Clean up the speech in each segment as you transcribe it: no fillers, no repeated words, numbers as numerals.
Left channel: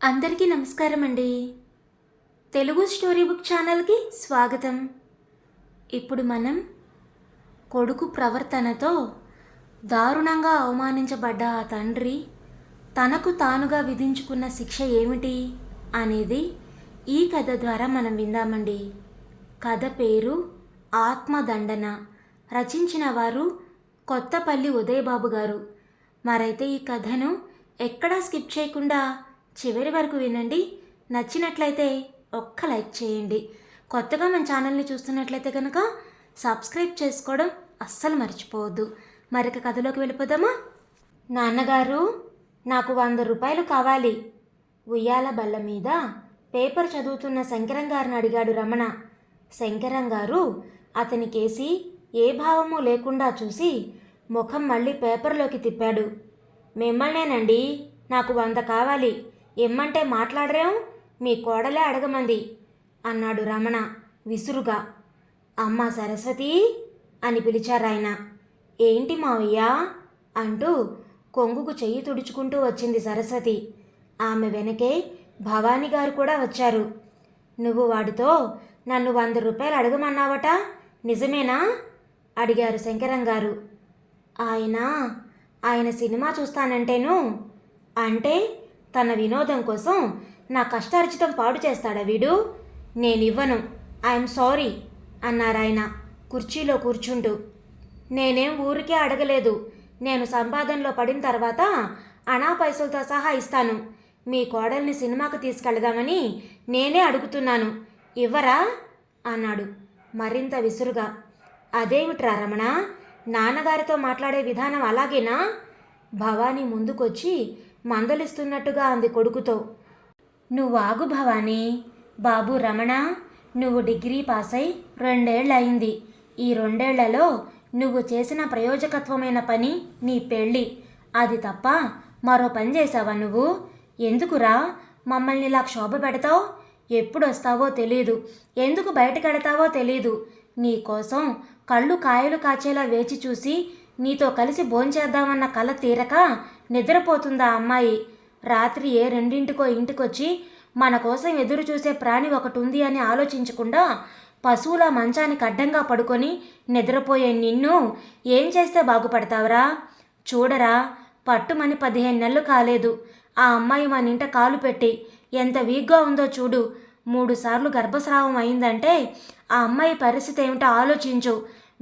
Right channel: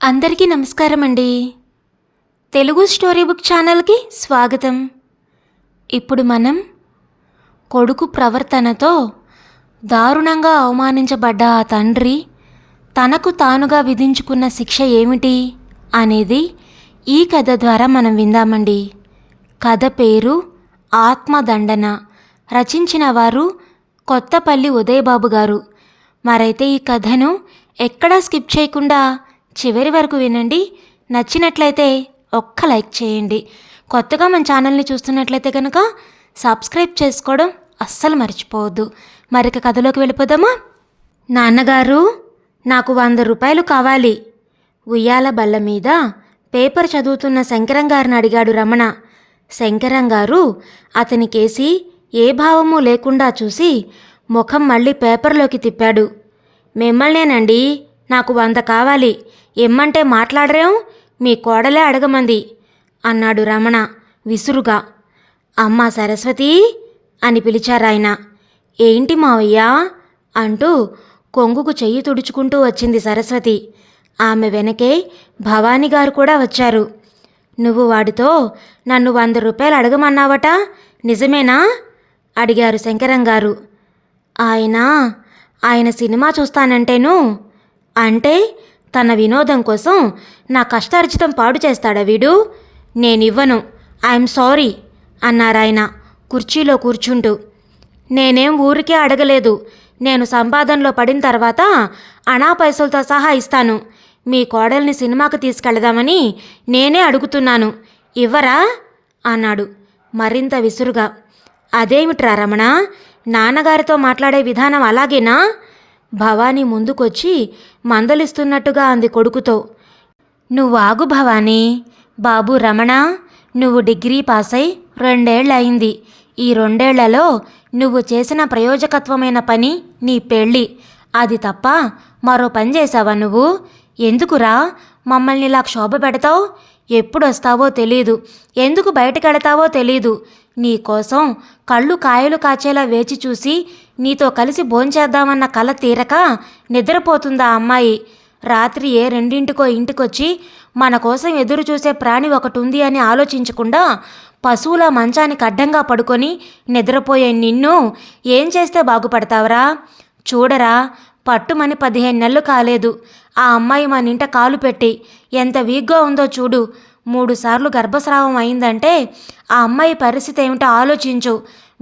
అందరికీ నమస్కారం అండి. తెలుగు స్టోరీ బుక్ ఛానల్కి స్వాగతం. ఇప్పుడు మనం కొడుకు ప్రవర్తనతో దారుణంగా అవమానించబడ్డ ఆ తండ్రి తనకు తానుగా విధించుకున్న శిక్ష ఏమిటి అనేది ఈ కథ ద్వారా మనం విందామండి. కథ పేరు ఆత్మదండన. రచించిన వారు కొత్తపల్లి ఉదయబాబు గారు. మరైతే ఈ కథను ఎక్కడా స్కిప్ చేయకుండా చివరి వరకు వినండి. నచ్చినట్లయితే ఒక్క లైక్ చేయండి. కొత్తగా మన ఛానల్ని చూస్తున్నట్లయితే కనుక సబ్స్క్రైబ్ చేసుకోవడం అస్సలు మర్చిపోవద్దు. మరిక కథలోకి వెళ్ళిపోదామా? నాన్నగారు, నాకు 100 రూపాయలు కావాలి. ఉయ్యాల బల్ల మీద పేపర్ చదువుతున్న శంకరం గారిని అడిగాడు రమణ. శంకరం గారు అతనికేసి ఏ భావము లేకుండా చూసి ముఖం మళ్ళీ పేపర్లోకి తిప్పాడు. మిమ్మల్నేనండి, నాకు 100 కావాలి. ఎమ్మంటే మాట్లాడరేం, మీ కోడలే అడగమంది అన్నాడు రమణ విసురుగా. అమ్మా సరస్వతి అని పిలిచారాయన. ఏంటి మావయ్య అంటూ కొంగుకు చెయ్యి తుడుచుకుంటూ వచ్చింది సరస్వతి. ఆమె వెనకే భవానీ గారు కూడా వచ్చారు. నువ్వు వాడితో నన్ను 100 రూపాయలు అడగమన్నావట, నిజమేనా అడిగారు శంకరం గారు. ఆయన సినిమా చూస్తానంటేను. అంటే తన వినోదం కోసం నా కష్టార్జితం పాడు చేస్తాడా వీడు? నేనివ్వను, ఐఎమ్ సారీ అన్నారాయన కుర్చీలో కూర్చుంటూ. నేనేం ఊరికే అడగలేదు. నేను సంపాదనలో పడిన తర్వాత అనా పైసలతో సహా ఇస్తాను. మీ కోడల్ని సినిమాకు తీసుకెళదామని నేనే అడుగుతున్నాను. ఇవ్వరా అన్నాడు మరింత విసురుగా. అదేమిట్రా రమణ, నాన్నగారితో మాట్లాడే విధానం అలాగేనా? భవానీ ముందుకొచ్చి మందలిస్తున్నట్టుగా అంది కొడుకుతో. నువ్వు ఆగు భవానీ. బాబు రమణ, నువ్వు డిగ్రీ పాస్ అయి 2 ఏళ్ళు అయింది. ఈ 2 ఏళ్లలో నువ్వు చేసిన ప్రయోజకత్వమైన పని నీ పెళ్ళి. అది తప్ప మరో పని చేసావా నువ్వు? ఎందుకురా మమ్మల్ని ఇలా క్షోభ పెడతావు? ఎప్పుడొస్తావో తెలీదు, ఎందుకు బయటకెడతావో తెలీదు. నీకోసం కళ్ళు కాయలు కాచేలా వేచి చూసి నీతో కలిసి భోంచేద్దామన్న కల తీరక నిద్రపోతుందా అమ్మాయి. రాత్రి ఏ 2ంటికో ఇంటికొచ్చి మన కోసం ఎదురు చూసే ప్రాణి ఒకటి ఉంది అని ఆలోచించకుండా పశువుల మంచానికి అడ్డంగా పడుకొని నిద్రపోయే నిన్ను ఏం చేస్తే బాగుపడతావరా? చూడరా, పట్టుమని 15 నెలలు కాలేదు. ఆ అమ్మాయి మన ఇంట కాలు పెట్టి ఎంత వీక్గా ఉందో చూడు. 3 సార్లు గర్భస్రావం అయిందంటే ఆ అమ్మాయి పరిస్థితి ఏమిటో ఆలోచించు.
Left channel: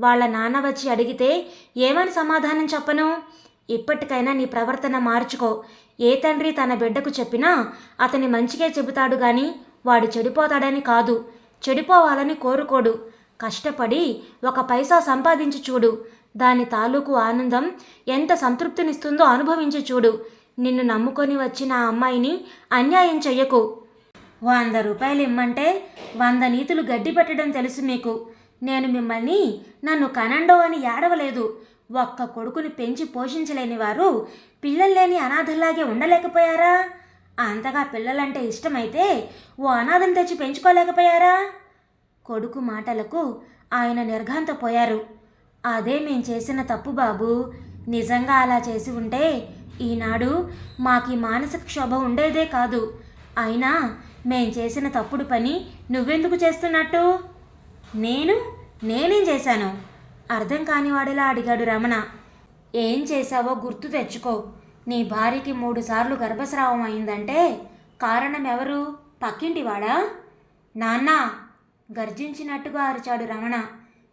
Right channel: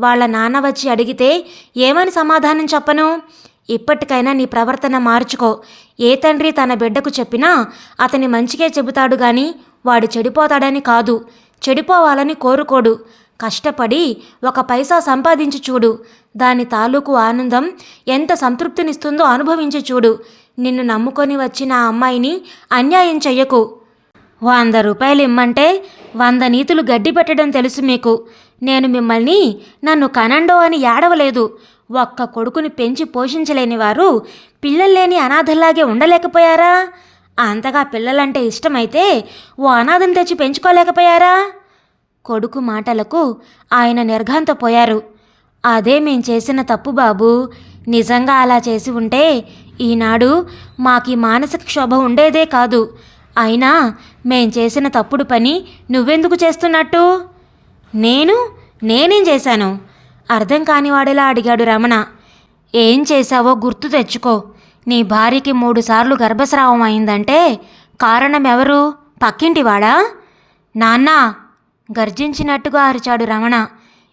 వాళ్ళ నాన్న వచ్చి అడిగితే ఏమని సమాధానం చెప్పను? ఇప్పటికైనా నీ ప్రవర్తన మార్చుకో. ఏ తండ్రి తన బిడ్డకు చెప్పినా అతని మంచిగా చెబుతాడు గాని వాడు చెడిపోతాడని కాదు. చెడిపోవాలని కోరుకోడు. కష్టపడి 1 పైసా సంపాదించి చూడు. దాని తాలూకు ఆనందం ఎంత సంతృప్తినిస్తుందో అనుభవించి చూడు. నిన్ను నమ్ముకొని వచ్చిన ఆ అమ్మాయిని అన్యాయం చెయ్యకు. 100 రూపాయలు ఇమ్మంటే 100 నీతులు గడ్డి పెట్టడం తెలుసు మీకు. నేను మిమ్మల్ని నన్ను కనండో అని ఏడవలేదు. ఒక్క కొడుకుని పెంచి పోషించలేని వారు పిల్లల్లేని అనాథల్లాగే ఉండలేకపోయారా? అంతగా పిల్లలంటే ఇష్టమైతే ఓ అనాథను తెచ్చి పెంచుకోలేకపోయారా? కొడుకు మాటలకు ఆయన నిర్ఘాంతపోయారు. అదే మేం చేసిన తప్పు బాబు. నిజంగా అలా చేసి ఉంటే ఈనాడు మాకీ మానసిక క్షోభ ఉండేదే కాదు. అయినా మేం చేసిన తప్పుడు పని నువ్వెందుకు చేస్తున్నట్టు? నేనేం చేశాను? అర్థం కానివాడేలా అడిగాడు రమణ. ఏం చేశావో గుర్తు తెచ్చుకో. నీ భార్యకి 3 సార్లు గర్భస్రావం అయిందంటే కారణం ఎవరు? పక్కింటివాడా? నాన్నా గర్జించినట్టుగా అరిచాడు రమణ.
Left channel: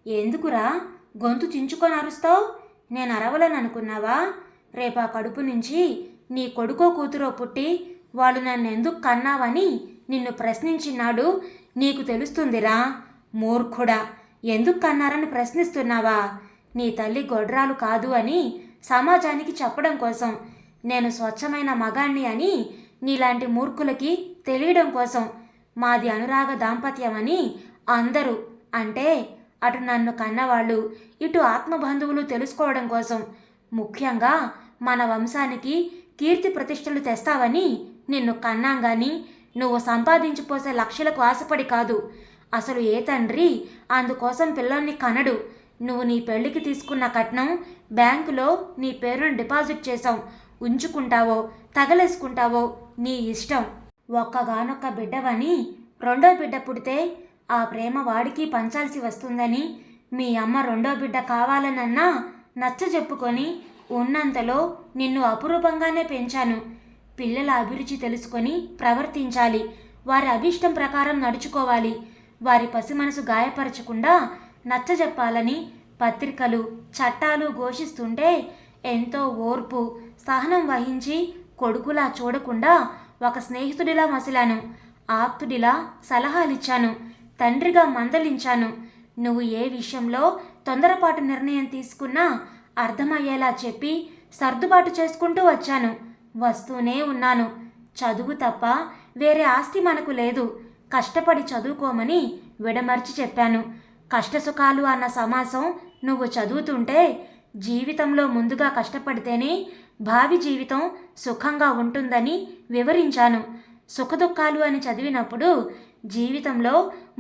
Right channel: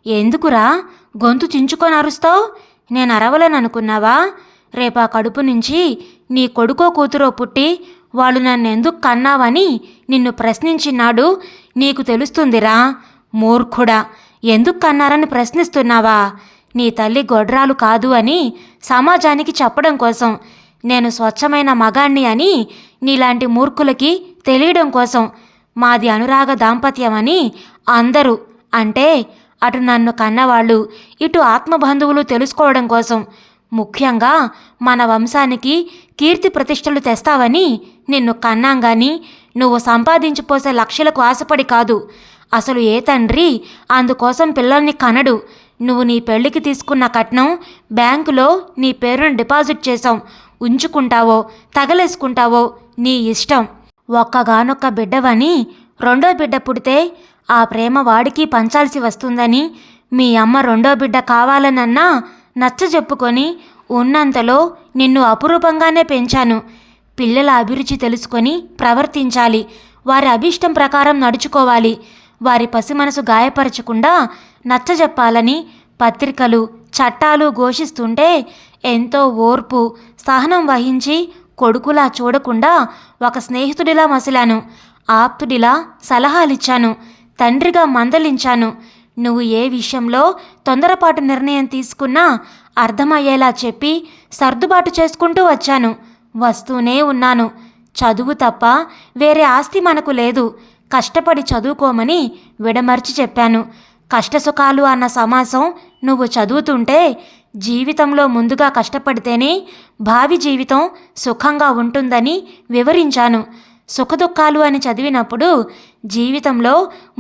ఎందుకురా గొంతు చించుకొని అరుస్తావు? నేను అరవలేననుకున్నావా? రేపా కడుపు నుంచి నీ కొడుకో కూతురో పుట్టి వాళ్ళు నన్నెందుకు కన్నావని నిన్ను ప్రశ్నించినాడు నీకు తెలుస్తుందిరా. మూర్ఖుడా, ఎందుకు కన్నారని ప్రశ్నిస్తున్నావా? నీ తల్లి గొడ్రాలు కాదు అని సమాజానికి చెప్పడం కోసం, నేను స్వచ్ఛమైన మగాణ్ణి అని నీలాంటి మూర్ఖులకి తెలియడం కోసం, మాది అనురాగ దాంపత్యమని అందరూ అంటే అటు నన్ను కన్నవాళ్ళు ఇటు ఆత్మబంధువులు తెలుసుకోవడం కోసం, ముఖ్యంగా మన వంశానికి కీర్తి ప్రతిష్టలు తెస్తావని నిన్ను కన్నాం గాని నువ్వు సంపాదించిపోసే లక్షలకు ఆశపడి కాదు. అసలు ఏ తండ్రి అందుకోసం పిల్లల్ని కనడు. నువ్వు నీ పెళ్లికి తీసుకున్న కట్నం బ్యాంకులో నీ పేరును డిపాజిట్ చేసావు. ఉంచుకుంటావో తగలేసుకుంటావో నీ ఇష్టం. ఒక్కగానొక్క బిడ్డవని రెండో బిడ్డ పుడితే ఆ ప్రేమ వాడికి పంచాల్సి వస్తుందని మీ అమ్మ రెండో బిడ్డ కావాలనన్నా నచ్చజెప్పుకొని ఉన్నంతలో నిన్ను అపురూపంగానే పెంచాను. పిల్లల అభిరుచి తెలుసుకొని ప్రవర్తించాలి, వారి అభిష్టం ప్రకారం నడుచుకోవాలి, వారి పసిమనసు గాయపరచకుండా నచ్చజెప్పాలని పత్రికలు చట్టాలు ఘోషిస్తుంటే ఎంతో ఓర్పు సహనం వహించి కొడుకులా చూడకుండా ఒక స్నేహితుడిలా మసిలాను, ఆప్తుడిలా సలహాలిచ్చాను, తండ్రిగా మందలించాను. నువ్వు ఏ విషయంలో తొందరపాటు నిర్ణయం తీసుకున్నా అర్థమయ్యేలా చెప్పి సర్దుబాటు చేసుకుంటూ వచ్చాను, వస్తూనే ఉన్నాను. చదువు తప్ప వేరే ఆస్తి మనకు లేదు, కష్టపడి చదువుకోమని విడమర్చి చెప్పాను. కష్టసుఖాలు అన్న సమాసం నువ్వు చదువుతుంటే జీవితంలో ముందుగా కష్టపడితేనే భావి జీవితం సుఖంగా ఉంటుందని వివరించాను. సుఖదుఖాలు అని చదివినప్పుడు జీవితంలో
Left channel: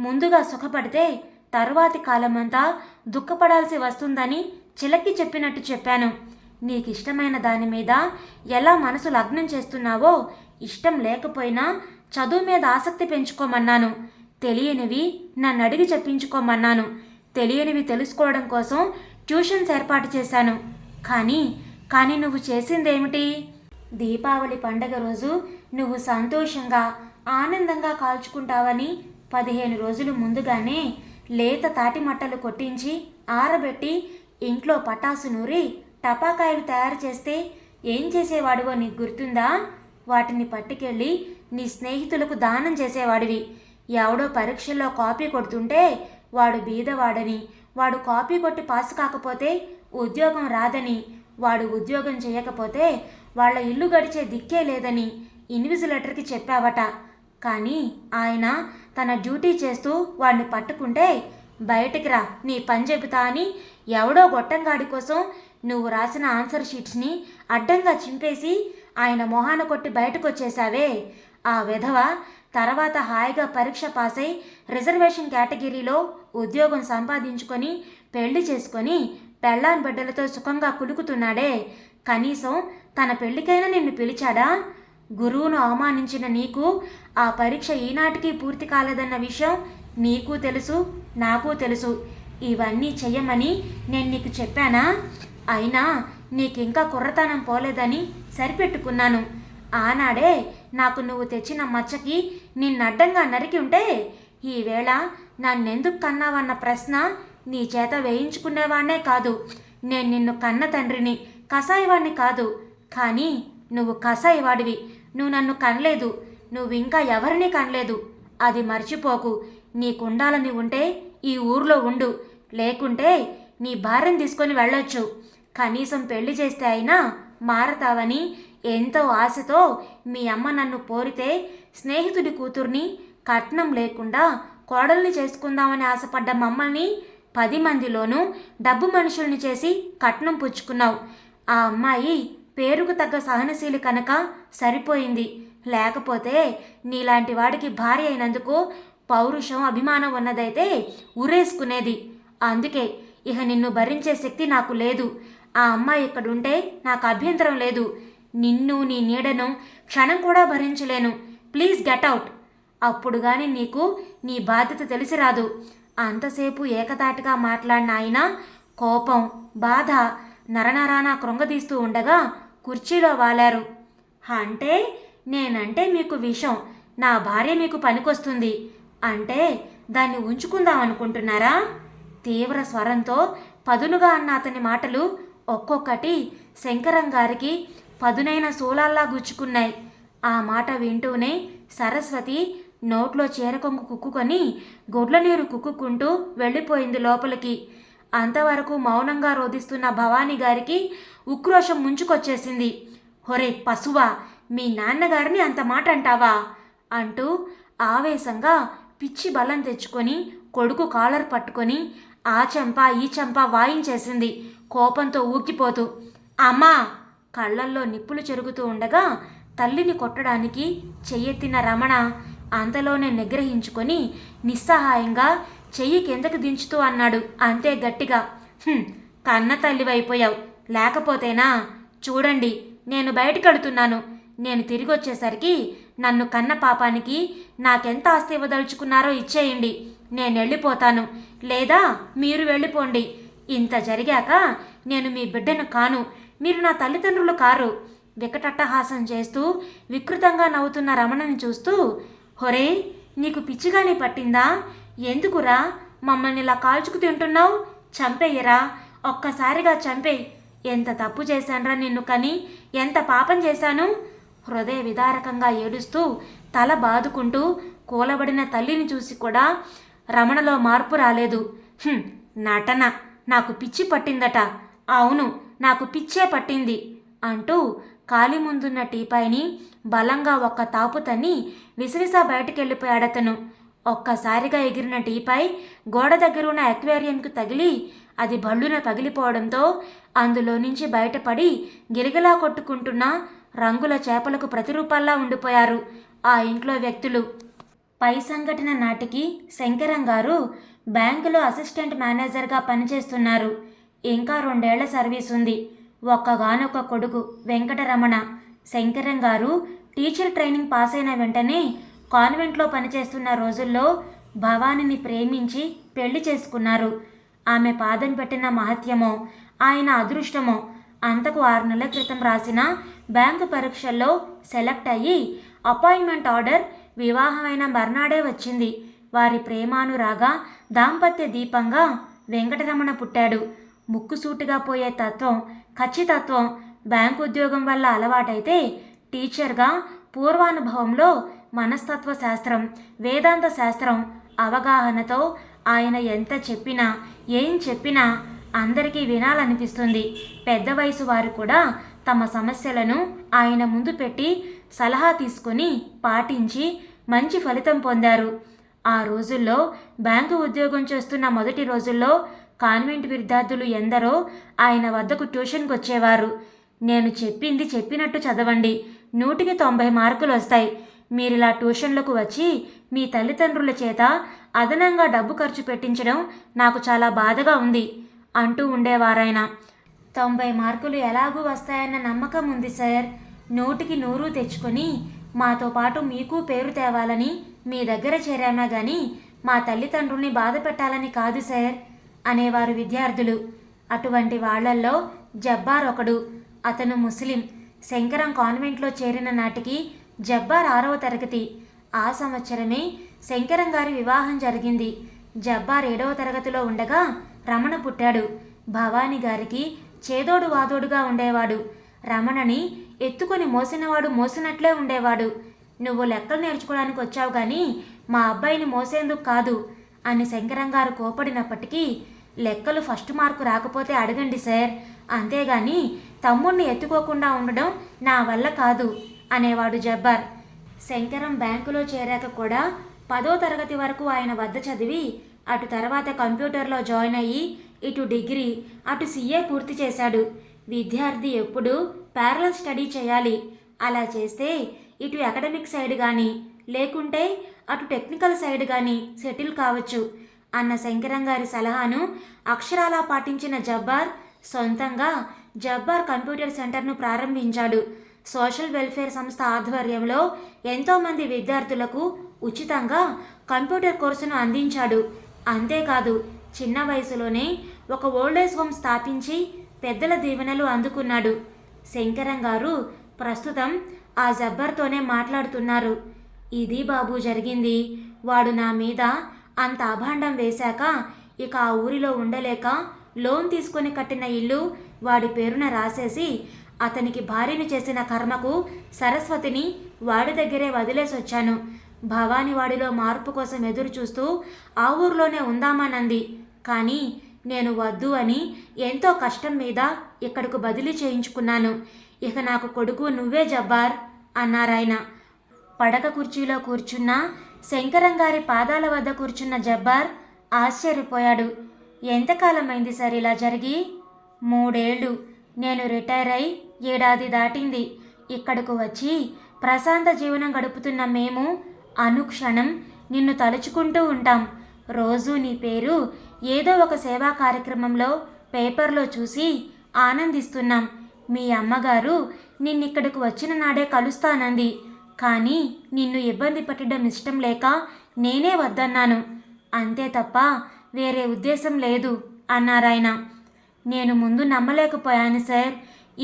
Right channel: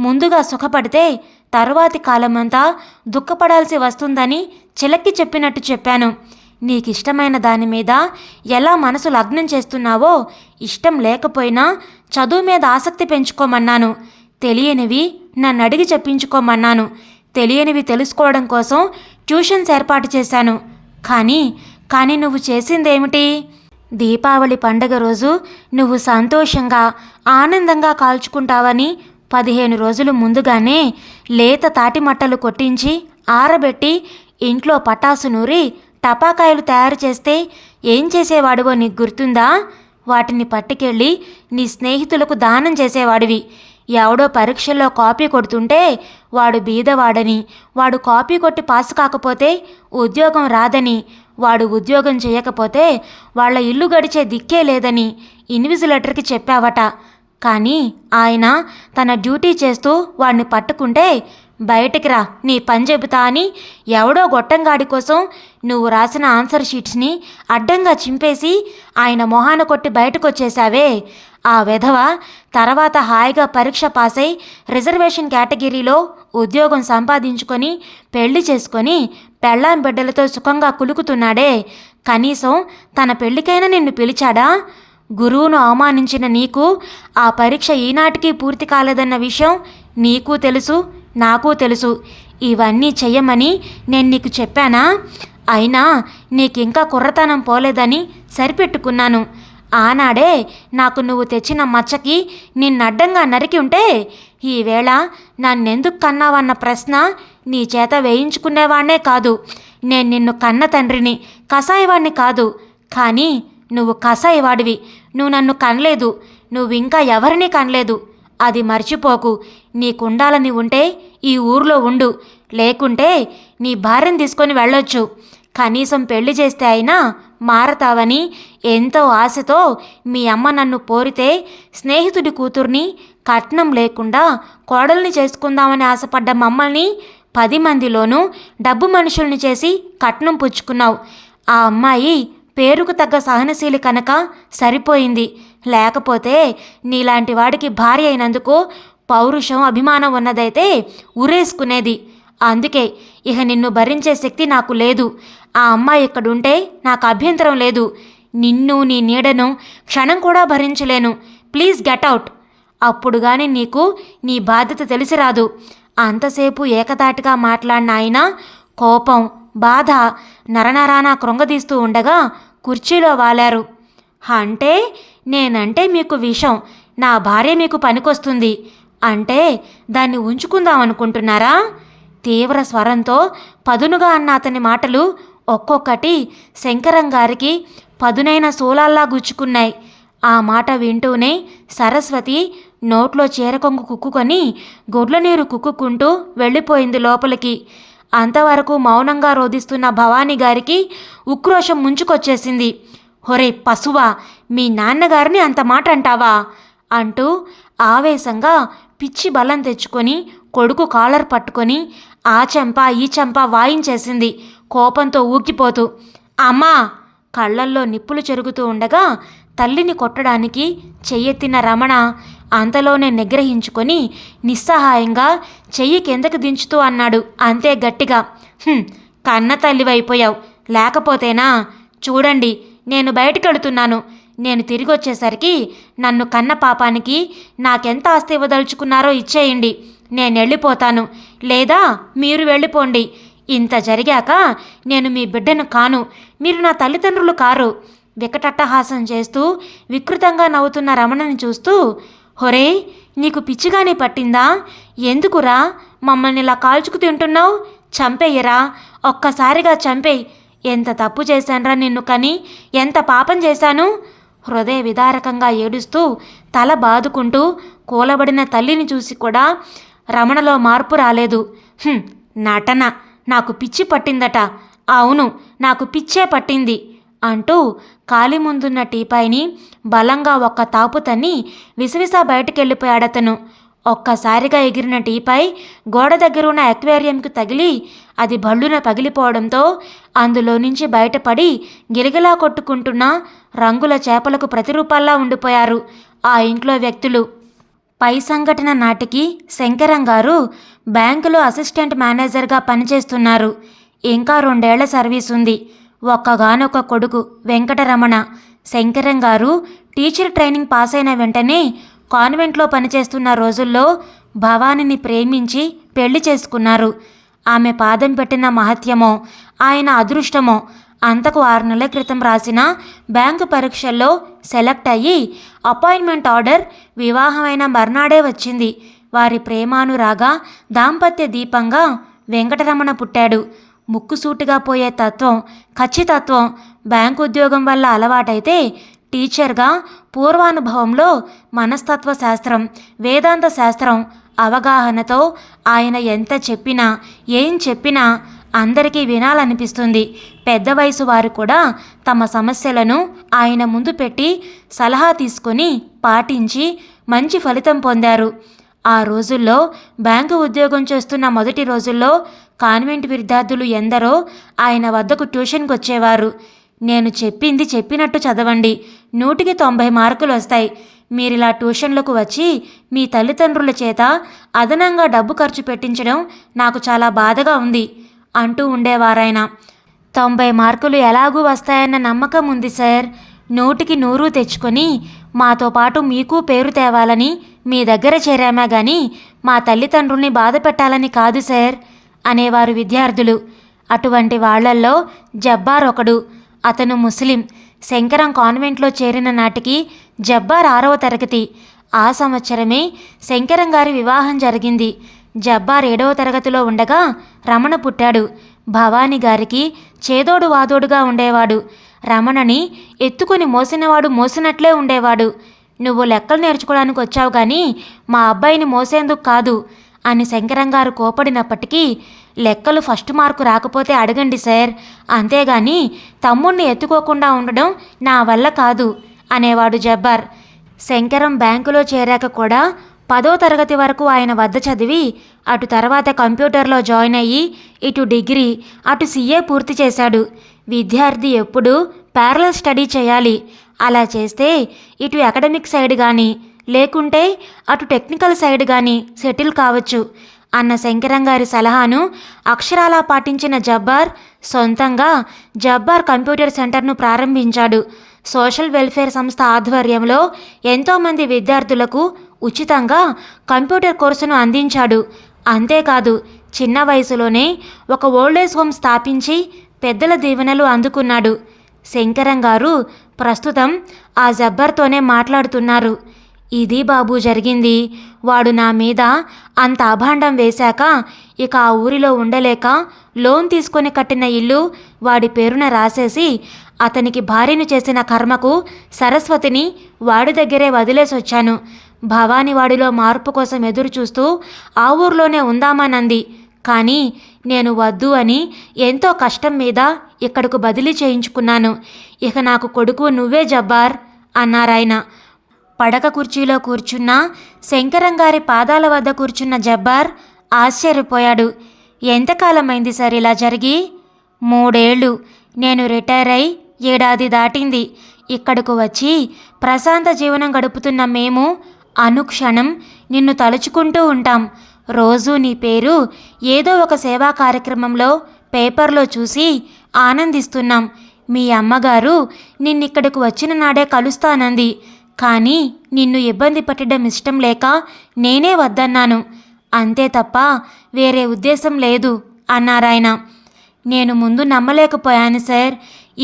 ముందుగా సుఖపడితే తరువాతి కాలమంతా దుఃఖపడాల్సి వస్తుందని చిలక్కి చెప్పినట్టు చెప్పాను. నీకిష్టమైన దాని మీద ఎలా మనసు లగ్నం చేస్తున్నావో ఇష్టం లేకపోయినా చదువు మీద ఆసక్తి పెంచుకోమన్నాను. తెలియనివి నన్ను అడిగి చెప్పించుకోమన్నాను. తెలియనివి తెలుసుకోవడం కోసం ట్యూషన్స్ ఏర్పాటు చేశాను. కానీ నువ్వు చేసిందేమిటి? దీపావళి పండగ రోజు నువ్వు సంతోషంగా ఆనందంగా కాల్చుకుంటావని 15 రోజులు ముందుగానే లేత తాటిమట్టలు కొట్టించి ఆరబెట్టి ఇంట్లో పటాసు నూరి టపాకాయలు తయారు చేస్తే ఏం చేసేవాడివో నీకు గుర్తుందా? వాటిని పట్టుకెళ్ళి నీ స్నేహితులకు దానం చేసేవాడివి. ఎవడో పరీక్షల్లో కాపీ కొడుతుంటే వాడు బీదవాడని, వాడు కాపీ కొట్టి పాస్ కాకపోతే ఉద్యోగం రాదని, వాడు ఉద్యోగం చేయకపోతే వాళ్ళ ఇల్లు గడిచే దిక్కే లేదని ఇన్విజిలేటర్కి చెప్పావట. కానీ ఆయన తన డ్యూటీ చేస్తూ వాడిని పట్టుకుంటే బయటికి రా నీ పని చెబుతా అని ఎవడో గొట్టంగాడి కోసం నువ్వు రాసిన ఆన్సర్ షీట్స్ని అడ్డంగా చింపేసి ఆయన మొహాన కొట్టి బయటకు వచ్చేసావే. ఆ వెధవ తర్వాత హాయిగా పరీక్ష పాస్ అయి రిజర్వేషన్ కేటగిరీలో ఉద్యోగం సంపాదించుకొని పెళ్లి చేసుకొని పెళ్ళాం బిడ్డలతో సుఖంగా కులుకుతున్నాడే. కనీసం తన పెళ్లికైనా నిన్ను పిలిచాడా? గురువును అవమానించిన నీకు ఆ పరీక్ష ఈనాటికి పూర్తి కాలేదన్న విషయం నీకు తెలుసు, నాకు తెలుసు. ఇవన్నీ చెయ్యమని నేను నీకు చెప్పానా? అయినా నీకింకా కుర్రతనం పోలేదని సరిపెట్టుకున్నాను. ఆనాడే నాకు నువ్వు తెచ్చిన మచ్చకి నిన్నడ్డంగా నరికి ఉంటే ఈవేళ నన్నెందుకు కన్నావన్న ప్రశ్న నీ చేత వేయించుకునేవాణ్ణే కాదు. నేను నిన్ను కన్న తండ్రిని, కసాయివాణ్ణి కాదు. కానీ నువ్వు కసాయివాడివి. నువ్వు నన్ను కనలేదు, నువ్వింకా ఎవరినీ కనలేదు. అది మర్చిపోకు. నీకుండాలని ఉంటే ఈ ఊర్లో ఉండు, లేకుంటే నీ భార్యను తీసుకొని వెళ్ళొచ్చు. కనీసం పెళ్లి చేస్తే అయినా మారతావని ఎంతో ఆశతో మీ అమ్మ నన్ను పోరితే స్నేహితుడి కూతుర్ని కట్నం లేకుండా కోడల్ని చేసుకుందామని ఆశపడ్డ మమ్మల్ని 10 మందిలోనూ డబ్బు మనుషుల్ని చేసి కట్నం పుచ్చుకున్నావు. ఆ అమ్మాయి పేరుకు తగ్గ సహనశీలి కనుక సరిపోయింది. లేకపోతే నీలాంటి వాడికి భార్య అయినందుకు పౌరుషం అభిమానం ఉన్నదైతే ఉరేసుకునేది. అందుకే ఇక నిన్ను భరించే శక్తి నాకు లేదు. ఆ అమ్మాయి ఇక్కడుంటే నాకు అభ్యంతరం లేదు. నిన్ను నీ నీడను క్షణం కూడా భరించలేను. Please get out. అప్పుడు కానీ నీకు నీ బాధ్యత తెలిసి రాదు. అంతసేపు ఏకతాటిగా మాట్లాడిన ఆయన కోపం బాధ నరనరానా కృంగదీస్తూ ఉండగా కుర్చీలో వాలారు. అంటే నేనంటే మీకు విషం, నా భార్య మీకు పనికొస్తుంది అంటే దాన్ని ఉంచుకుందాం అనుకుంటున్నారా? తీవ్ర స్వరంతో పదునుగా అన్న అతని మాటలు ఒక్కొక్కటి శంకరం గారికి పదునైన శూలాల్లా గుచ్చుకున్నాయి. ఆ మాట వింటూనే సరస్వతి నోట్లో చీరకొంగు కుక్కుకొని గొడ్ల నీరు కుక్కుకుంటూ వెళ్ళిపోయింది లోపలికి. అంతవరకు మౌనంగా రోధిస్తున్న భవానీ గారికి ఉక్రోషం ముంచుకొచ్చేసింది. హొరే పశువా, మీ నాన్నగారిని అంత మాట అంటావా అంటూ ఆవేశంగా పిచ్చి బలం తెచ్చుకొని కొడుకు కాలర్ పట్టుకొని ఆ చెంప ఈ చెంప వాయించేసింది కోపంతో ఊగిపోతూ. అమ్మా! కళ్ళల్లో నిప్పులు చెరుగుతూ ఉండగా తల్లిని కొట్టడానికి చెయ్యెత్తిన రమణ అంతలోనే నిగ్రహించుకొని నిస్సహాయంగా చెయ్యి కిందకి దించుతూ అన్నాడు అంతే గట్టిగా. కన్న తల్లివైపోయావు. లేకపోతేనా? చూడండి, నేను బయటికెడుతున్నాను. నేను తిరిగి వచ్చేసరికి నన్ను కన్న పాపానికి నాకెంత ఆస్తి ఇవ్వదలుచుకున్నారో ఇచ్చేయండి, నేను వెళ్ళిపోతాను, లేదా మీరు వెళ్ళిపోండి. ఇంత జరిగాక నేను మీ బిడ్డను కాను, మీరు నా తల్లిదండ్రులు కారు. వికటట్టహాసం చేస్తూ వికృతంగా నవ్వుతున్న రమణని చూస్తూ, హొరే, నీకు పిచ్చిగానే పట్టిందా? ఎందుకురా మమ్మల్ని ఇలా కాల్చుకు తింటున్నావు? చంపేయరా, ఒక్కసారిగా చంపేయి. ఎంత తప్పు చేశాన్రా నిన్ను కని, ఎంత పాపం చేశాను? హృదయ విదారకంగా ఏడుస్తూ తల బాదుకుంటూ కూలబడిన తల్లిని చూసి కూడా రమణలో మార్పు రాలేదు. నటన, నాకు పిచ్చి పట్టిందట, అవును నాకు పిచ్చే పట్టింది అంటూ కాలి ముందున్న టీపాయిని బలంగా ఒక్క తాపు తన్ని విసవిసా బయటకెళ్ళిపోయాడతను. ఒక్కసారిగా ఎగిరిన టీపాయ్ గోడ దగ్గర ఉన్న అక్వేరియంకి తగిలి అది భళ్ళున పగిలిపోవడంతో అందులో నుంచి బయటపడి గిలగిలా కొట్టుకుంటున్న రంగుల చేపలకు ప్రతిరూపాల్లా ఉండిపోయారు ఆ ఇంట్లో వ్యక్తులు. పై సంఘటన నాటికి శంకరం గారు బ్యాంకులో అసిస్టెంట్ మేనేజర్గా పనిచేస్తున్నారు. ఇంకా 2 ఏళ్ల సర్వీస్ ఉంది. ఒక్కగానొక్క కొడుకు వెంకటరమణ. శంకరం గారు టీచర్ ట్రైనింగ్ పాస్ అయిన వెంటనే కాన్వెంట్లో పనిచేస్తున్న రోజుల్లో భవానిని ప్రేమించి పెళ్లి చేసుకున్నారు. ఆమె పాదం పెట్టిన మహత్యమో ఆయన అదృష్టమో అంతకు 6 నెలల క్రితం రాసిన బ్యాంకు పరీక్షల్లో సెలెక్ట్ అయ్యి అపాయింట్మెంట్ ఆర్డర్ వివాహమైన మర్నాడే వచ్చింది. వారి ప్రేమానురాగ దాంపత్య దీపంగా వెంకటరమణ పుట్టాడు. ముక్కుసూటిగా పోయే తత్వం, ఖచ్చితత్వం బ్యాంకు ఉద్యోగం వల్ల అలవాటైతే టీచర్గా పూర్వానుభవంలో మనస్తత్వ శాస్త్రం, వేదాంత శాస్త్రం అవగాహనతో ఆయన ఎంత చెప్పినా ఏం చెప్పినా అందరికీ వినాలనిపిస్తుంది. పెద్ద వయసు వారు కూడా తమ సమస్యలను ఆయన ముందు పెట్టి సలహా తీసుకొని పాటించి మంచి ఫలితం పొందారు. ఆ రోజుల్లో బ్యాంకు ఉద్యోగం చేస్తున్న మొదటి రోజుల్లో కాన్వెంట్ విద్యార్థులు ఎందరో ఆయన వద్దకు ట్యూషన్కి వచ్చేవారు. నేను చెప్పింది చెప్పినట్టు చదవండి, 100కి 90 మార్కులు వస్తాయి. మీరిలా ట్యూషన్లకు వచ్చి మీ తల్లిదండ్రుల చేత అదనంగా డబ్బు ఖర్చు పెట్టించడం నాకు చాలా బాధగా ఉంది అంటూ ఉండేవారాయన. 90 మార్కులు ఎలాగూ వస్తాయన్న నమ్మకం ఉంది సార్. 100కి 100 తెచ్చుకొని మాతో పాటు మీకు పేరు తేవాలని మీ దగ్గర చేరామా కానీ మా తల్లిదండ్రుల్ని బాధ పెట్టాలని కాదు సార్ అనేవారు విద్యార్థులు. అటువంటి వాళ్లల్లో జబ్బార్ ఒకడు. అతను ముస్లిం. శంకరం కాన్వెంట్లో చేరిన నాటికి జబ్బార్ 6వ తరగతి. ఆ సంవత్సరమే శంకరం గారి వివాహం జరిగింది. జబ్బార్ 7వ తరగతిలో ఉండగా రమణ పుట్టాడు. భవానీ గారికి చేదోడు వాదోడుగా ఉండేవాడు. రమణని ఎత్తుకొని మోసినవాడు మోసినట్లే ఉండేవాడు. నువ్వు లెక్కలు నేర్చుకోవడానికి వచ్చావు కానీ మా అబ్బాయిని మోసేందుకు కాదు అని శంకరం గారు కోపడినప్పటికీ, లెక్కలు ఫస్ట్ మార్కు రాకపోతే అడగండి సార్, అంతేగాని తమ్ముణ్ణి ఎత్తుకోకుండా ఉండడం నా వల్ల కాదు అనేవాడు జబ్బార్. శంకరం బ్యాంకులో చేరాక కూడా 10వ తరగతి వరకు ఆయన వద్ద చదివి అటు తర్వాత కంప్యూటర్లో జాయిన్ అయ్యి ఇటు డిగ్రీ అటు CA పూర్తి చేశాడు. విద్యార్థి ఎప్పుడూ ప్యారలల్ స్టడీ చేయాలి. అలా చేస్తే ఇటు అకాడమిక్ సైడ్ కానీ లేకుంటే అటు టెక్నికల్ సైడ్ కానీ సెటిల్ కావచ్చు అన్న శంకరం గారి సలహాను అక్షరాలా పాటించిన జబ్బార్ సొంతంగా జబ్బార్ కంప్యూటర్ సెంటర్ను ప్రారంభించాడు. సోషల్ వెల్ఫేర్ సంస్థ ఆధ్వర్యంలో ఎంతోమంది విద్యార్థులకు ఉచితంగా కంప్యూటర్ కోర్సును అందించాడు. అంతేకాదు చిన్న వయసులోనే ఒక ఓల్డేజ్ హోమ్ స్థాపించి పెద్దల దీవెనలు అందుకున్నాడు. శంకరం గారు ప్రస్తుతం ఆ జబ్బర్తోనే మాట్లాడుతున్నారు. ఇది బాబు జరిగింది. వాడు నా మీద అంత అభాండం వేశాక ఇక ఆ ఊరిలో ఉండలేక లోన్ తీసుకొని కట్టిన ఇల్లు వాడి పేరున రాసేసి అతనికి భార్యను చేసిన కర్మకు సరస్వతిని వాడి దగ్గరే వదిలేసొచ్చాను. భవాని వాడిలో మార్పు కోసం ఎదురు చూస్తూ ఆ ఊర్లోనే ఉందామనంది. కానీ నేను వద్దు అని ఎంతో కష్టం మీద ఇక్కడకు బదిలీ చేయించుకున్నాను. ఇక నాకు కొడుకు నువ్వే జబ్బార్ అన్నారాయన. పడక కుర్చీలో కూర్చున్న శంకరం గారి పాదాల వద్ద కూర్చున్న జబ్బార్ ఆశ్చర్యపోయాడు. ఎంతకాలమైంది సార్ ఇలా జరిగి? 3 ఏళ్ళు. నేను రిటైర్ అయి 1 ఏడాది దాటింది. ఇక్కడకు వచ్చి ప్రశాంత జీవనం గడుపుతున్న మేము అనుక్షణం నిన్ను తలుచుకుంటూ ఉంటాం. రోజూ నీ పేరు ఏదో ఒక సేవా కార్యక్రమంలో పేపర్లో చూసి ఆనందిస్తున్నాం. మీ అమ్మగారు నిన్నిక్కడికి వచ్చిన నాడే కలుస్తానంది. కానీ నిన్ను ఇబ్బంది పెట్టడం ఇష్టం లేక నేనే వద్దన్నాను. అంతే తప్ప వేరే ఉద్దేశం లేదు అన్నారాయన. నేను ముందు నమ్మలేకపోయాను సార్.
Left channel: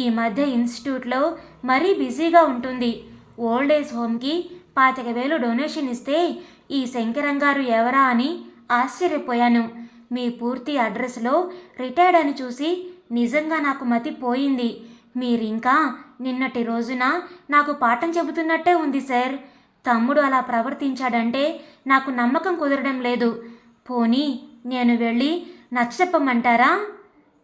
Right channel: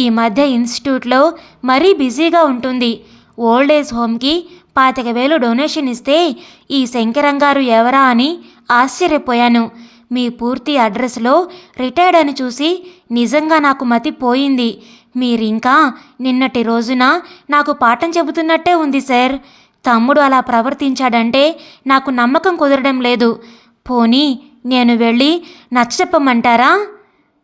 ఈ మధ్య ఇన్స్టిట్యూట్లో మరీ బిజీగా ఉంటుంది. ఓల్డ్ ఏజ్ హోమ్కి 25,000 డొనేషన్ ఇస్తే ఈ శంకరంగారు ఎవరా అని ఆశ్చర్యపోయాను. మీ పూర్తి అడ్రస్లో రిటైర్డ్ అని చూసి నిజంగా నాకు మతి పోయింది. మీరింకా నిన్నటి రోజున నాకు పాఠం చెబుతున్నట్టే ఉంది సార్. తమ్ముడు అలా ప్రవర్తించాడంటే నాకు నమ్మకం కుదరడం లేదు. పోనీ నేను వెళ్ళి నచ్చచెప్పమంటారా?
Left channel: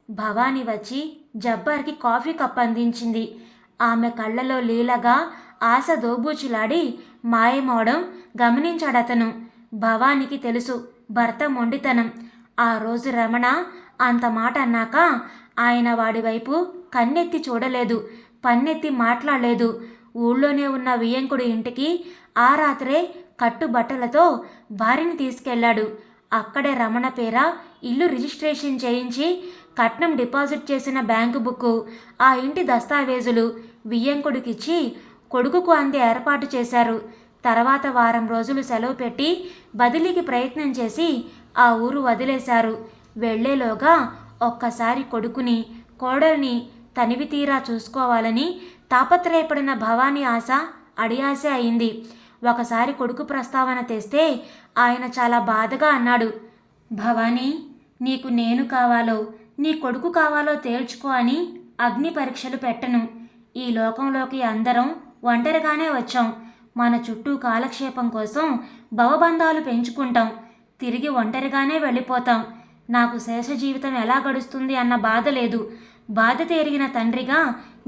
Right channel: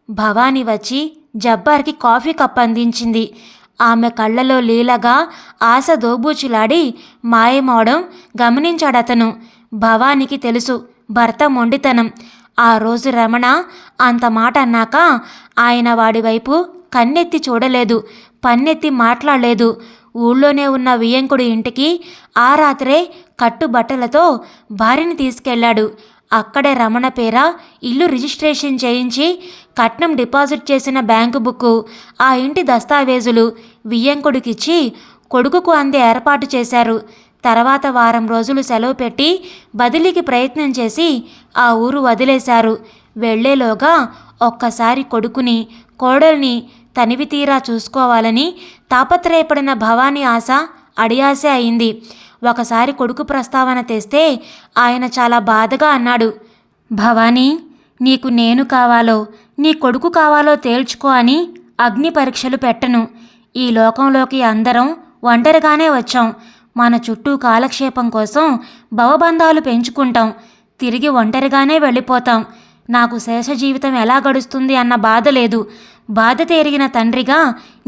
భవానీ వచ్చి జబ్బార్కి కాఫీ కప్ అందించింది. ఆమె కళ్ళలో లీలగా ఆశ దోబూచులాడి మాయమవడం గమనించాడతను. భవానీకి తెలుసు భర్త మొండితనం. ఆ రోజు రమణ అంత మాట అన్నాక ఆయన వాడి వైపు కన్నెత్తి చూడలేదు, పన్నెత్తి మాట్లాడలేదు. ఊళ్ళోనే ఉన్న వియ్యంకుడి ఇంటికి ఆ రాత్రే కట్టుబట్టలతో భార్యని తీసుకెళ్లాడు. అక్కడే రమణ పేర ఇల్లు రిజిస్ట్రేషన్ చేయించి కట్నం డిపాజిట్ చేసిన బ్యాంకు బుక్కు, ఆ ఇంటి దస్తావేజులు వియ్యంకుడికిచ్చి కొడుకుకు అందే ఏర్పాటు చేశారు. తర్వాత వారం రోజులు సెలవు పెట్టి బదిలీకి ప్రయత్నం చేసి ఆ ఊరు వదిలేశారు. వెళ్లేలోగా ఒక్కసారి కొడుకుని కోడల్ని తనివి తీరా చూసుకోవాలని తాపత్రయపడిన భవానీ ఆశ అడియాశ అయింది. ఒకసారి కొడుకు ప్రస్తావన తెస్తే ఆయన చాలా బాధగా అన్నాడు, భవానీ, నీకు నేను కావాలో నీ కొడుకు కావాలో తేల్చుకో అని అగ్ని పరీక్షలు పెట్టను. ఈ లోకంలోకి అందరం ఒంటరిగానే వచ్చాం. మన చుట్టూ కాలక్షేపం కోసం భవబంధాలు పెంచుకుంటాం. తిరిగి ఒంటరిగానే వెళ్ళిపోతాం. నాకు శేష జీవితం ఎలా గడుస్తుంది అన్న బాధ లేదు. బాధ తెరిగిన తండ్రిగా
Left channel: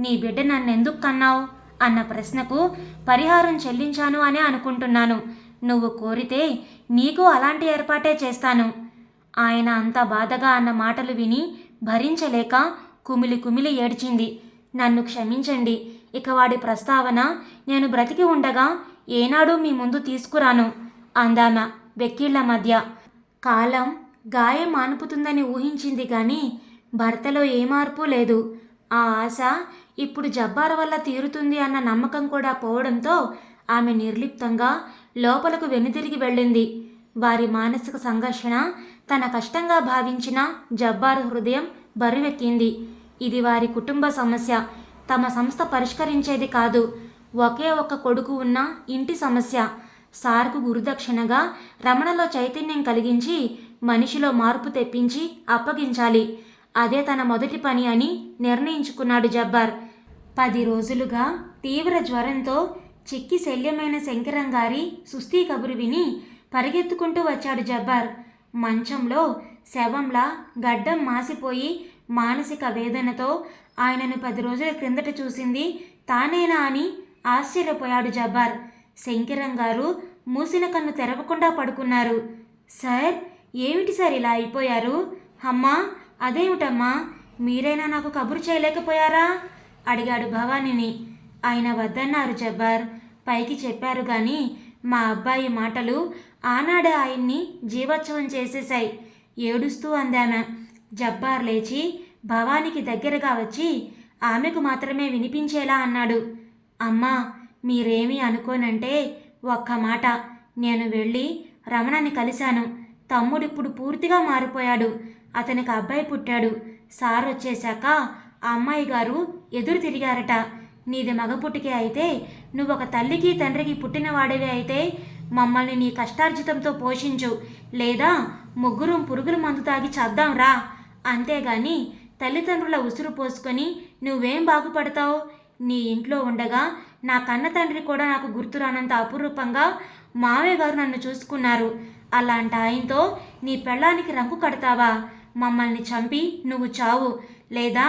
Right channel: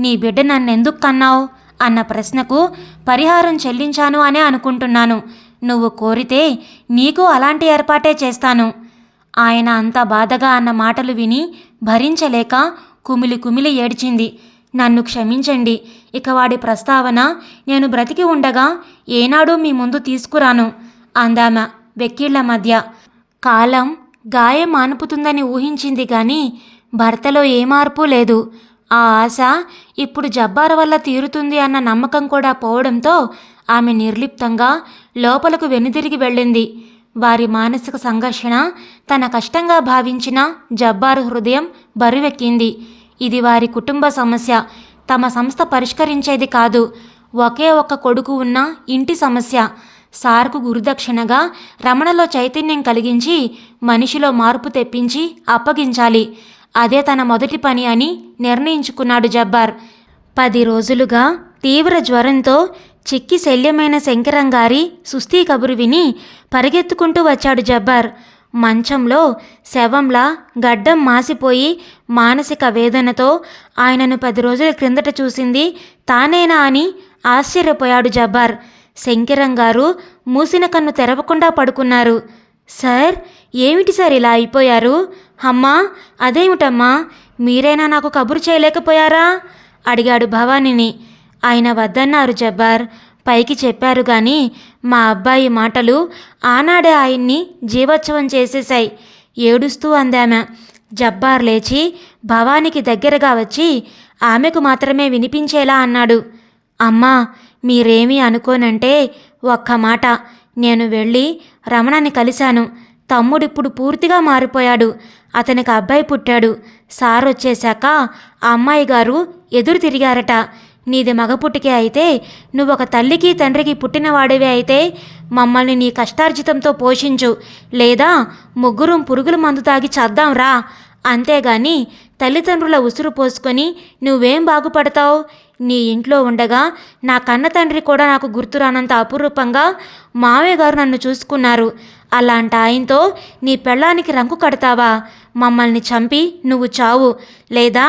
నీ బిడ్డ నన్నెందుకు కన్నావు అన్న ప్రశ్నకు పరిహారం చెల్లించాను అనే అనుకుంటున్నాను. నువ్వు కోరితే నీకు అలాంటి ఏర్పాటే చేస్తాను. ఆయన అంత బాధగా అన్న మాటలు విని భరించలేక కుమిలి కుమిలి ఏడ్చింది. నన్ను క్షమించండి. ఇక వాడి ప్రస్తావన నేను బ్రతికి ఉండగా ఏనాడూ మీ ముందు తీసుకురాను అందామె వెక్కిళ్ల మధ్య. కాలం గాయం మానుపుతుందని ఊహించింది గాని భర్తలో ఏ మార్పు లేదు. ఆ ఆశ ఇప్పుడు జబ్బార్ వల్ల తీరుతుంది అన్న నమ్మకం కూడా పోవడంతో ఆమె నిర్లిప్తంగా లోపలకు వెనుదిరిగి వెళ్ళింది. వారి మానసిక సంఘర్షణ తన కష్టంగా భావించిన జబ్బార్ హృదయం బరువెక్కింది. ఇది వారి కుటుంబ సమస్య, తమ సంస్థ పరిష్కరించేది కాదు. ఒకే ఒక్క కొడుకు ఉన్న ఇంటి సమస్య. సార్కు గురుదక్షిణగా రమణలో చైతన్యం కలిగించి మనిషిలో మార్పు తెప్పించి అప్పగించాలి. అదే తన మొదటి పని అని నిర్ణయించుకున్నాడు జబ్బార్. 10 రోజులుగా తీవ్ర జ్వరంతో చిక్కి శల్యమైన శంకరంగారి సుస్థి కబురు విని పరిగెత్తుకుంటూ వచ్చాడు జబ్బార్. మంచంలో శవంలా గడ్డం మాసిపోయి మానసిక వేదనతో ఆయనను 10 రోజుల క్రిందట చూసింది తానేనా అని ఆశ్చర్యపోయాడు జబ్బార్. శంకరంగారు మూసిన కన్ను తెరవకుండా పడుకున్నారు. సార్, ఏమిటి సార్ ఇలా అయిపోయారు? అమ్మా, అదేమిటమ్మా, మీరైనా నాకు కబురు చేయలేకపోయారా అడిగాడు భవానీని. ఆయన వద్దన్నారు జబ్బార్. పైకి చెప్పారు గాని మా అబ్బాయి మాటలు ఆనాడే ఆయన్ని జీవోత్సవం చేసేశాయి ఏడుస్తూ అందామె. జబ్బార్ లేచి భవానీకి దగ్గరగా వచ్చి ఆమెకు మాత్రమే వినిపించేలా అన్నాడు, అమ్మా, మీరేమీ అనుకోనంటే ఒక్క మాట. నేను వెళ్ళి రమణని కలిశాను. తమ్ముడిప్పుడు పూర్తిగా మారిపోయాడు. అతనికి అబ్బాయి పుట్టాడు. సార్ వచ్చేశాక ఆ అమ్మాయి గారు ఎదురు తిరిగారట. నీది మగపుట్టికే అయితే, నువ్వొక తల్లికి తండ్రికి పుట్టినవాడివి అయితే మమ్మల్ని నీ కష్టార్జితంతో పోషించు, లేదా ముగ్గురం పురుగుల మందు తాగి చద్దాంరా. అంతేగాని తల్లిదండ్రుల ఉసురు పోసుకొని నువ్వేం బాగుపడతావు? నీ ఇంట్లో ఉండగా నా కన్న తండ్రి కూడా నాకు గుర్తురానంత అపురూపంగా మావయ్య గారు నన్ను చూసుకున్నారు. అలాంటి ఆయనతో నీ పెళ్ళానికి రంకు కడతావా? మమ్మల్ని చంపి నువ్వు చావు, లేదా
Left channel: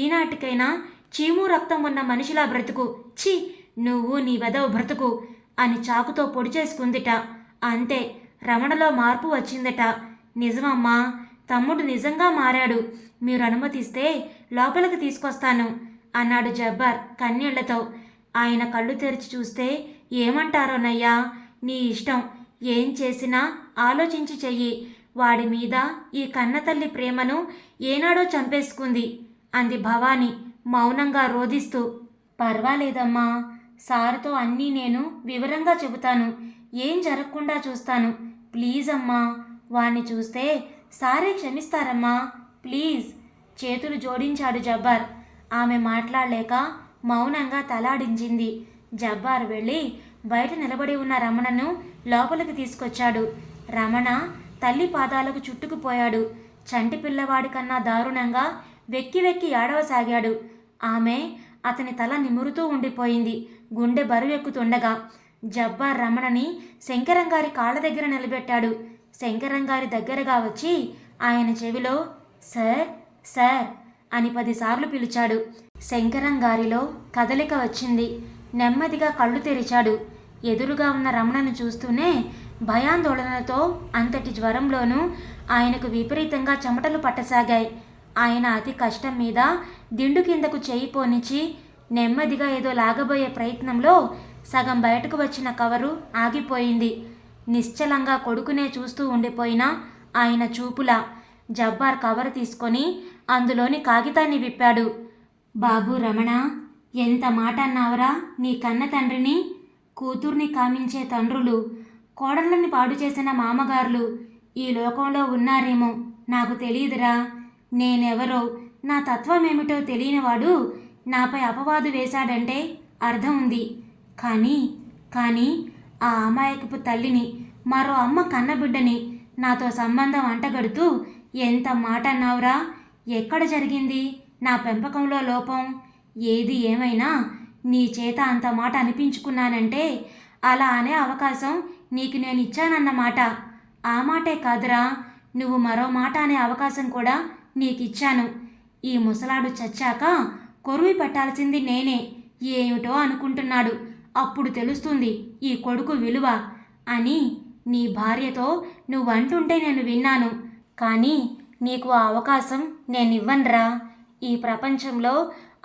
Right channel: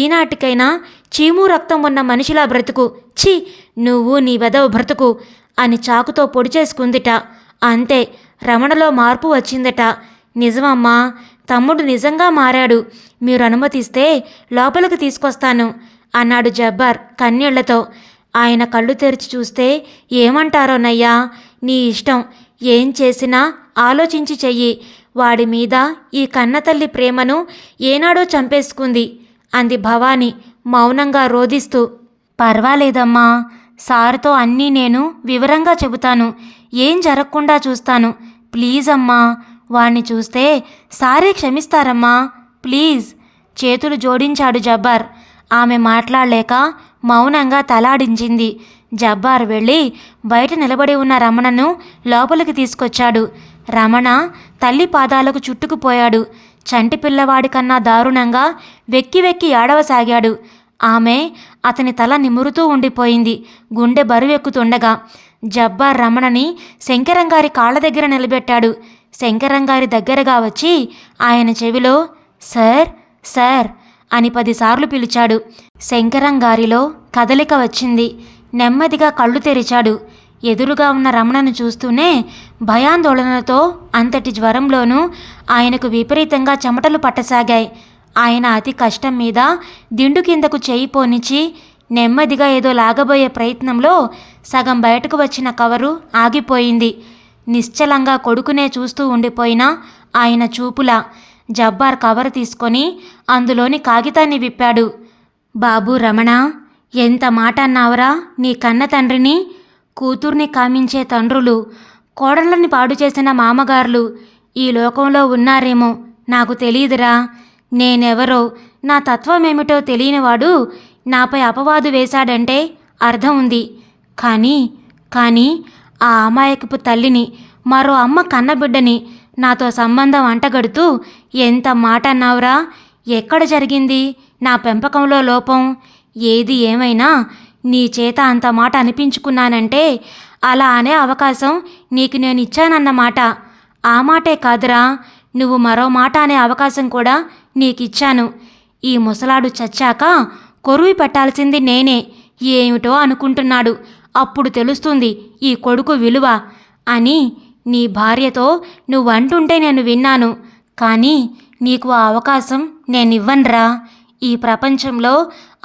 ఈనాటికైనా చీము రక్తం ఉన్న మనిషిలా బ్రతుకు. ఛీ, నువ్వు నీ వెదవ బ్రతుకు అని చాకుతో పొడి చేసుకుందిట. అంతే, రమణలో మార్పు వచ్చిందట. నిజమమ్మా, తమ్ముడు నిజంగా మారాడు. మీరు అనుమతిస్తే లోపలికి తీసుకొస్తాను అన్నాడు జబ్బార్ కన్నీళ్లతో. ఆయన కళ్ళు తెరిచి చూస్తే ఏమంటారోనయ్యా, నీ ఇష్టం, ఏం చేసినా ఆలోచించి చెయ్యి. వాడి మీద ఈ కన్నతల్లి ప్రేమను ఏనాడో చంపేసుకుంది అంది భవానీ మౌనంగా రోదిస్తూ. పర్వాలేదమ్మా, సార్తో అన్నీ నేను వివరంగా చెబుతాను. ఏం జరగకుండా చూస్తాను. ప్లీజ్ అమ్మా, వాణ్ణి చూస్తే సారే క్షమిస్తారమ్మా, ప్లీజ్. చేతులు జోడించాడు జబ్బార్. ఆమె మాట్లాడలేక మౌనంగా తలాడించింది. జబ్బార్ వెళ్ళి బయట నిలబడి ఉన్న రమణను లోపలికి తీసుకొచ్చాడు. రమణ తల్లి పాదాలకు చుట్టుకుపోయాడు. చంటి పిల్లవాడి కన్నా దారుణంగా వెక్కి వెక్కి ఏడవసాగాడు. ఆమె అతని తల నిమురుతూ ఉండిపోయింది, గుండె బరువెక్కుతుండగా. జబ్బార్ రమణని శంకరంగారి కాళ్ళ దగ్గర నిలబెట్టాడు. శంకరంగారి దగ్గరగా వచ్చి ఆయన చెవిలో సార్ సార్ అని 10 సార్లు పిలిచాడు. శంకరంగారిలో కదలిక వచ్చింది. నెమ్మదిగా కళ్ళు తెరిచాడు. ఎదురుగా ఉన్న రమణను చూస్తూనే భయాందోళనతో అంతటి జ్వరంలోనూ ఆయనకు విపరీతంగా చెమటలు పట్టసాగాయి. ఆయన అతి కష్టం మీద దిండు కిందకు చేయి పోనిచ్చి నెమ్మదిగా ఏదో లాగబోయే ప్రయత్నంలో సగం బయటకు వచ్చిన కవరు ఆగిపోయింది. నిశ్చలంగా కొడుకునే చూస్తూ ఉండిపోయిన ఆయన చూపులా జబ్బార్ కవర్ తీసుకొని అందులోని కాగితాన్ని విప్పాడు. బాబు రమణ, ఎంత మాట అన్నావురా నీ కన్న తండ్రిని. కూతుర్ని కామించే తండ్రులు, కోడళ్ళని పాడు చేసిన మామగారులు ఈ లోకంలో ఉన్నారేమో నాకు తెలియదురా. నేనెవరో, నా తత్వమేమిటో తెలియనివాడు నాపై అపవాదు వేశాడంటే అర్థం ఉంది. కానీ ఆ అమాయకపు తల్లిని, మరో అమ్మ కన్నబిడ్డని నాతో సంబంధం అంటగడుతూ ఎంత మాట అన్నావురా. ఎక్కడ జరిగింది నా పెంపకంలో లోపం? ఏది ఏమైనా నీ చేత అంత మాట అనిపించుకున్నానంటే అలా అనే అవకాశం నీకు నేను ఇచ్చానన్నమాట. ఆ మాటే కాదురా, నువ్వు మరో మాట అనే అవకాశం కూడా నీకిచ్చాను. ఈ ముసలాడు చచ్చాక కొరువి పెట్టాల్సింది నేనే. ఏమిటో అనుకుంటున్నాడు, అప్పుడు తెలుస్తుంది ఈ కొడుకు విలువ అని నీ భార్యతో నువ్వంటుంటే నేను విన్నాను. కానీ నీకు ఆ అవకాశం నేనివ్వనురా. ఈ ప్రపంచంలో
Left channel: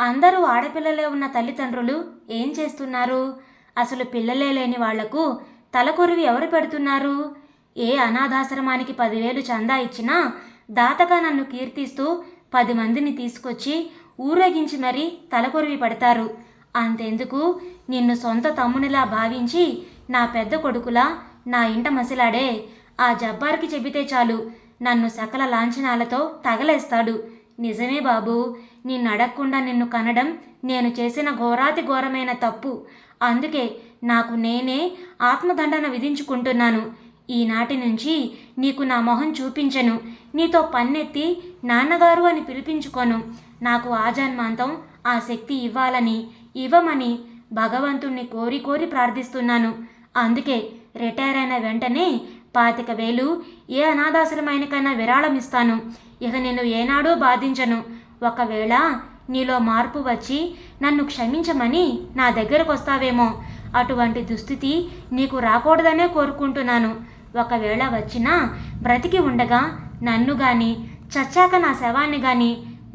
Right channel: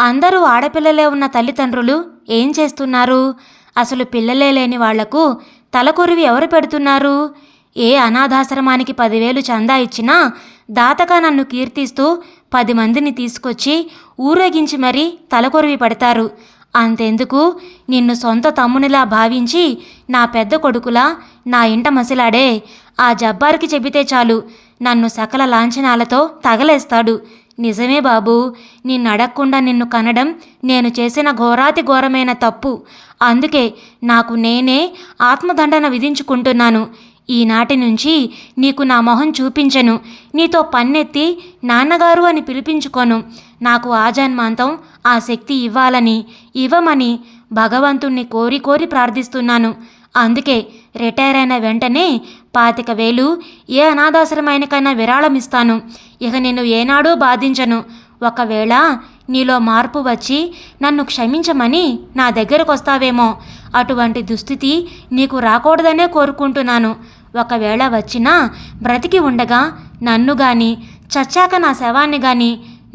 అందరూ ఆడపిల్లలే ఉన్న తల్లిదండ్రులు ఏం చేస్తున్నారు? అసలు పిల్లలే లేని వాళ్లకు తలకొరివి ఎవరు పెడుతున్నారు? ఏ అనాథాశ్రమానికి 10,000 చందా ఇచ్చినా దాతగా నన్ను కీర్తిస్తూ 10 మందిని తీసుకొచ్చి ఊరేగించి మరీ తలకొరివి పెడతారు. అంతెందుకు, నిన్ను సొంత తమ్మునిలా భావించి నా పెద్ద కొడుకులా నా ఇంట మసిలాడే ఆ జబ్బార్కి చెబితే చాలు నన్ను సకల లాంఛనాలతో తగలేస్తాడు. నిజమే బాబూ, నిన్ను అడగకుండా నిన్ను కనడం నేను చేసిన ఘోరాతి ఘోరమైన తప్పు. అందుకే నాకు నేనే ఆత్మదండన విధించుకుంటున్నాను. ఈనాటి నుంచి నీకు నా మొహం చూపించను. నీతో పన్నెత్తి నాన్నగారు అని పిలిపించుకోను. నాకు ఆజన్మాంతం ఆ శక్తి ఇవ్వమని భగవంతుణ్ణి కోరి కోరి ప్రార్థిస్తున్నాను. అందుకే రిటైర్ అయిన వెంటనే 25,000 ఏ అనాథాశ్రమానికైనా విరాళమిస్తాను. ఇక నేను ఏనాడూ బాధించను. ఒకవేళ నీలో మార్పు వచ్చి నన్ను క్షమించమని నా దగ్గరకు వస్తావేమో. అటువంటి దుస్థితి నీకు రాకూడదనే కోరుకుంటున్నాను. ఒకవేళ వచ్చినా బ్రతికి ఉండగా నన్ను గాని, చచ్చాక నా శవాన్ని గాని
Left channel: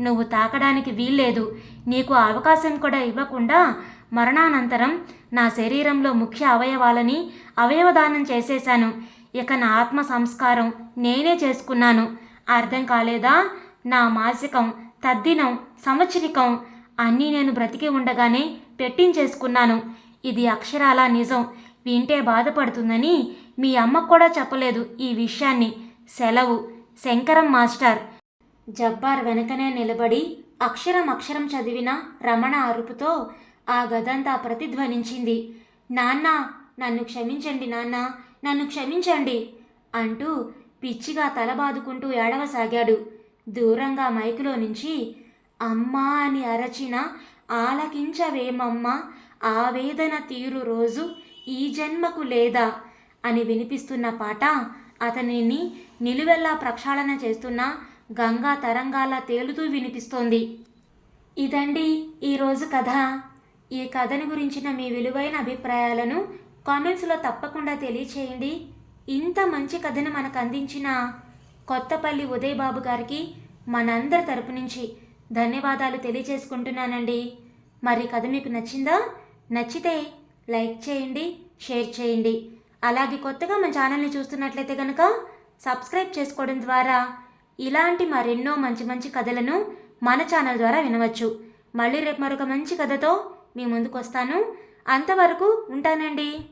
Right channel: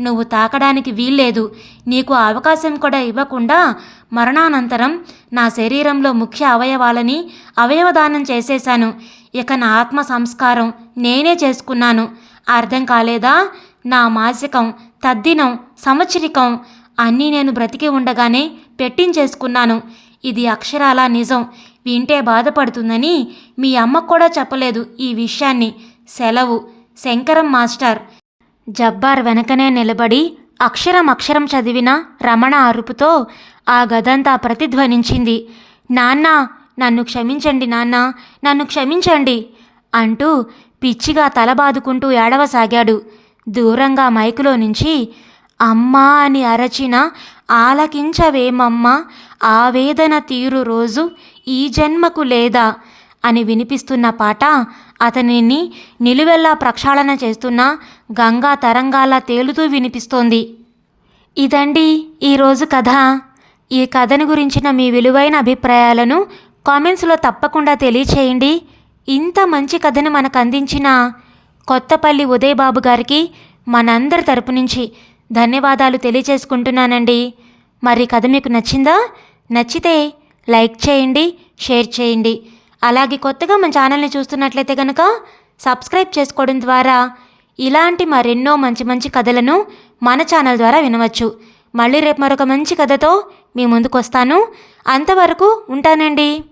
నువ్వు తాకడానికి వీల్లేదు. నీకు ఆ అవకాశం కూడా ఇవ్వకుండా మరణానంతరం నా శరీరంలో ముఖ్య అవయవాలని అవయవదానం చేసేశాను. ఇక నా ఆత్మ సంస్కారం నేనే చేసుకున్నాను. అర్థం కాలేదా? నా మాసికం, తద్దినం, సంవత్సరికం అన్నీ నేను బ్రతికి ఉండగానే పెట్టించేసుకున్నాను. ఇది అక్షరాలా నిజం. వింటే బాధపడుతుందని మీ అమ్మకు కూడా చెప్పలేదు ఈ విషయాన్ని. సెలవు. శంకరం మాస్టర్. జబ్బార్ వెనకనే నిలబడి అక్షరం చదివిన రమణ అరుపుతో ఆ గదంతా ప్రతిధ్వనించింది. నాన్నా, నన్ను క్షమించండి నాన్న, నన్ను క్షమించండి అంటూ పిచ్చిగా తలబాదుకుంటూ ఏడవసాగాడు. దూరంగా మైకులో నుంచి అమ్మా అని అరచిన ఆలకించవేమమ్మా ఆవేదన తీరు రోజు ఈ జన్మకు లేదా అని వినిపిస్తున్న పాట అతనిని నిలువెల్లా ప్రక్షాళన చేస్తున్న గంగా తరంగాలా తేలుతూ వినిపిస్తోంది. ఇదండి ఈరోజు కథ. ఈ కథను గురించిన మీ విలువైన అభిప్రాయాలను కామెంట్స్లో తప్పకుండా తెలియచేయండి. ఇంత మంచి కథను మనకు అందించిన కొత్తపల్లి ఉదయ్ బాబు గారికి మనందరి తరపు నుంచి ధన్యవాదాలు తెలియచేసుకుంటున్నానండి. మరి కథ మీకు నచ్చిందా? నచ్చితే లైక్ చేయండి, షేర్ చేయండి. అలాగే కొత్తగా మన ఛానల్ని చూస్తున్నట్లయితే కనుక సబ్స్క్రైబ్ చేసుకోవడం ద్వారా ఇలాంటి మరెన్నో మంచి మంచి కథలను మన ఛానల్ ద్వారా వినవచ్చు. మళ్ళీ రేపు మరొక మంచి కథతో మీ ముందుకు వస్తాను. అంతవరకు ఉంటానండి.